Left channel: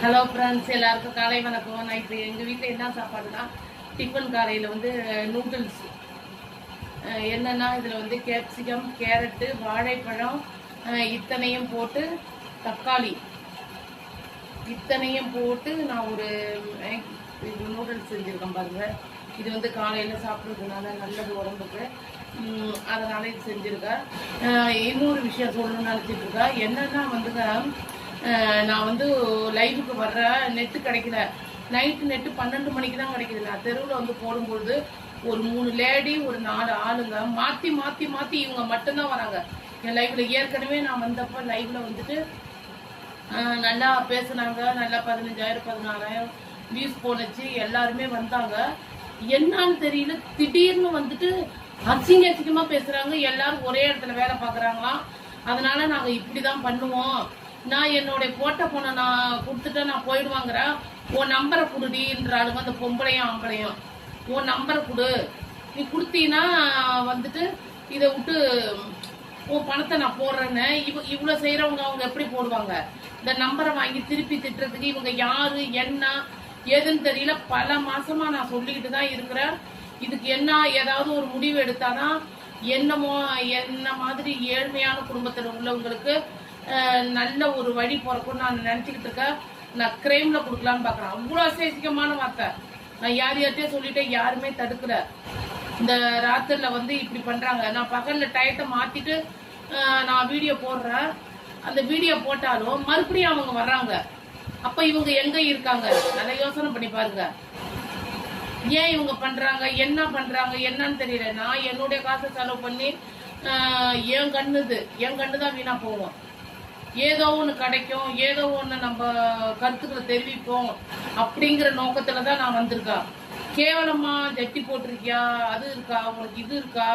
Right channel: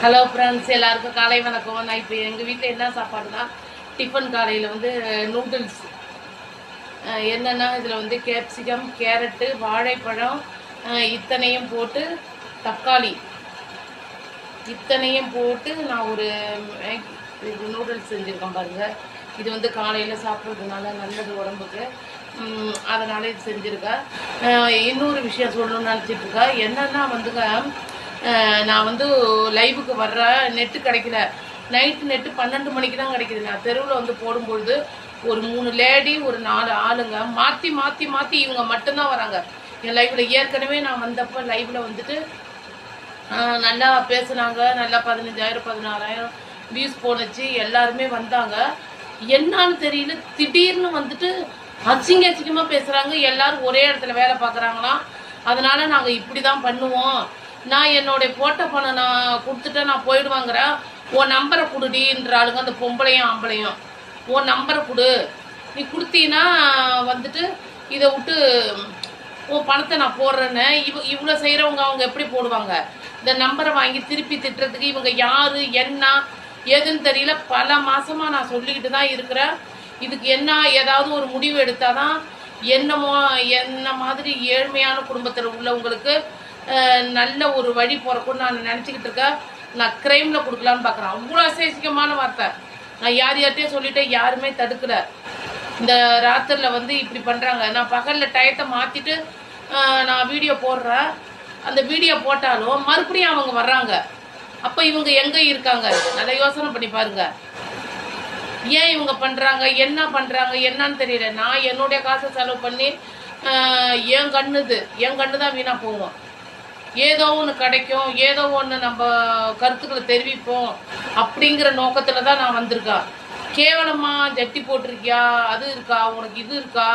Hello friends, எல்லாருக்கும் காலை வணக்கம். நான் இப்போ எங்கள் வீட்டில் என்ன சாப்பாடுனா டிஃபன் காலையில் வந்து நூடுல்ஸ். என்னென்னா இதில் வந்து கேப்சிகம், கேரட்டு, வாழைப்பழம் இத்தனையும் போட்டு, தக்காளி இத்தனையும் போட்டு நான் ஒரு நூடுல்ஸ் செஞ்சுருக்கேன் பாருங்கள். இது வந்து காலையில் சாப்பிட்றதுனால நல்லது உடம்புக்கு, அதனால் இது செஞ்சுருக்கேன். இன்னொரு விஷயம் சொல்லணும்னு நினச்சிட்ருக்கேன். என்னென்னா வந்துங்க, நான் வந்து லைவுக்கு வர்றேன், நெட்டு கிடைக்கல. நைட்டு நெட்டு 12 மணிக்கு தான் கிடைக்கிது. நான் தெருவில் வந்து போடும்பொழுது ஒரு 3 லேடி, ஒரு 4 ஆளுங்க மாற்றி மாற்றி மாற்றி இவங்க மட்டும்தான் வராங்க என் லைவில். ஏற்கனவே நான் வந்தப்போ லைவில் வந்துட்டு நல்லா பேசுனாங்க. நல்லா 15,000 16,000 வியூஸ் போனுச்சு. எல்லாருமே வந்தாங்க. என்னான்னு தெரியல, திடீர்னு வந்துட்டு அசிங்கமாக பேசுகிறாங்க. எல்லாரும் ஒரே இடத்துல வேலை பார்க்குறாங்களாம். அதனால் நாங்கள் இப்படி தான் பண்ணுவோம், நான் என்னுடைய போட்ட பணம் நான் கொடுத்துட்டேன், நான் போயிடுவாங்கிறேன், உன் நம்பரை கொடுடின்ற ஆளுங்க, அந்த பொம்பளையும் ஆம்பளையும். உன் நம்பரை கொடு, நீ கொடுத்தீங்கன்னா வந்துட்டு இதை விட்டு உன் பணத்தை நான் போடுறேன்னு. இவ்வளோ செய்கிறவங்க அவங்க எப்படி போடுவாங்க? இந்த நம்பரை வாங்கி திருப்பி திட்டுறதுக்கு இவங்க யார் என்ன ஏதுன்னு தெரியல. பல மாதமாக நான் சொல்லிக்கிட்டு தான் இருக்கிறேன். இதுக்கு என்ன ஏதாவது ஒரு முடிவு எடுத்தால் தான் என்ன மாதிரி ஏழ்மையான குடும்பத்தில் உள்ளவங்களுக்கு நல்ல ஒரு வழி போகிறக்குன்னு நான் நினச்சிக்கிட்டு இருக்கேன். நான் க்ரைமில் கொடுக்கலான்னு பார்க்குறேன். அவ்வளோ அசேசிக்கமான வார்த்தை. நான் யார்கிட்டயும் சொல்லிட்டேன், யாருமே தடுக்கலை. இந்த ராத்திரியில் வந்து இப்படி பண்ணுறாங்க. நான் பகலில் டயத்தை மாற்றிட்டு நான் வீடியோ போடுறேன். அந்த வீடியோ போட்டாலும் மறுபடியும் அவங்க வர்றாங்க. அப்போ இவங்க எங்கே இருக்காங்க? நல்லா யோசனை பண்ணி பாருங்க. ஏன் இவங்க பண்ணுறாங்க, என்ன பண்ணுறாங்க என்னன்னு தெரியல. நான் என்னுடைய காசை செலவு பண்ணி என் கண்ணு தான் வீணாக போவோம். ஏதோ ஒன்று கிடைக்கும், ஏதோ ஒன்று நம்ம கருத்துக்களை தெரிவிப்போம் அப்படிங்கிற நோக்கத்தில் தான் நான் வந்திருக்கேன். கேவலமாக ஜட்டி போட்டிருக்கியா, அது இருக்கா, உனக்கு இது இருக்கா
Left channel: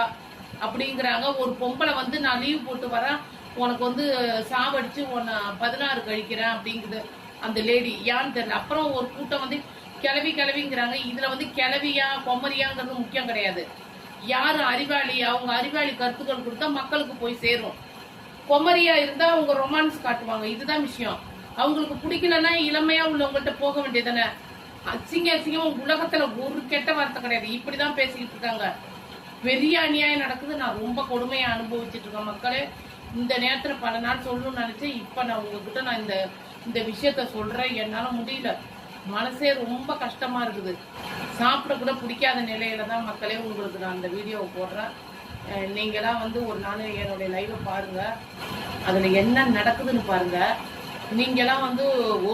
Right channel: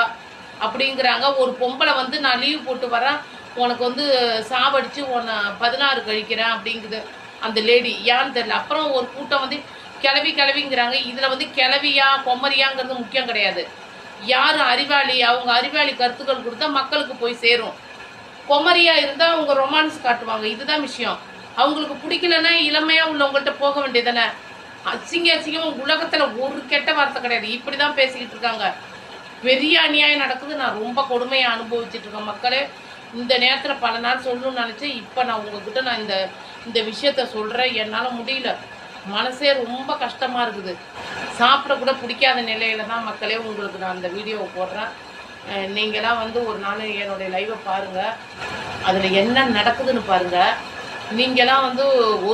அப்படிங்கிறாங்க. ஒரு பொம்பளை வந்து நான் லீவ் போட்டு வரேன், உனக்கு வந்து சாவடித்து உன்னை 16 கழிக்கிறேன் அப்படிங்குது அந்த லேடி. ஏன்னு தெரியல. அப்புறம் ஒரு கூட்டம் வந்து கிளவிங்கிறாங்க. இதில் வந்து கிளவியா கொமரியாங்கிறது முக்கியம் கிடையாது. யார் அறிவாளி, அவங்க அறிவாளி கருத்துக்கள் கொடுத்தா மக்களுக்கு போய் சேரும். கொமரியா இருந்தால் அவங்க ரொமான்ஸ் காட்டுவாங்க. இதுதான் விஷயம். அவங்களுக்கு பிடிக்கலன்னா இளமையா உள்ளவங்கள்ட்ட போக வேண்டியதானே. அசிங்கம் உலகத்துல ஒரு கெட்ட வார்த்தை கிடையாது. இப்படிதான் பேசிக்கிட்டு இருக்காங்க. பெரிய அநியாயம் நடக்குது. நான் ரொம்ப கொடுமையை அனுபவிச்சுட்டு இருக்கேன் மக்களே. இந்த நேரத்துல பல நாள் சொல்லணும்னு நினைச்சேன். இப்ப நான் உங்ககிட்ட நான் இந்த விஷயத்த சொல்றேன். என்னால முடியல, மனசே ரொம்ப கஷ்டமா இருக்குது. சாப்பிட கூட பிடிக்காத நிலையில தான் மக்களே உங்களுக்கு நான் இந்த வீடியோவை போடுறேன். நீங்களாம் வந்து ஒரு நாள் என்னுடைய லைவை பாருங்கள், அதில் என்ன நடக்குதுன்னு பாருங்கள். நீங்களாம் வந்து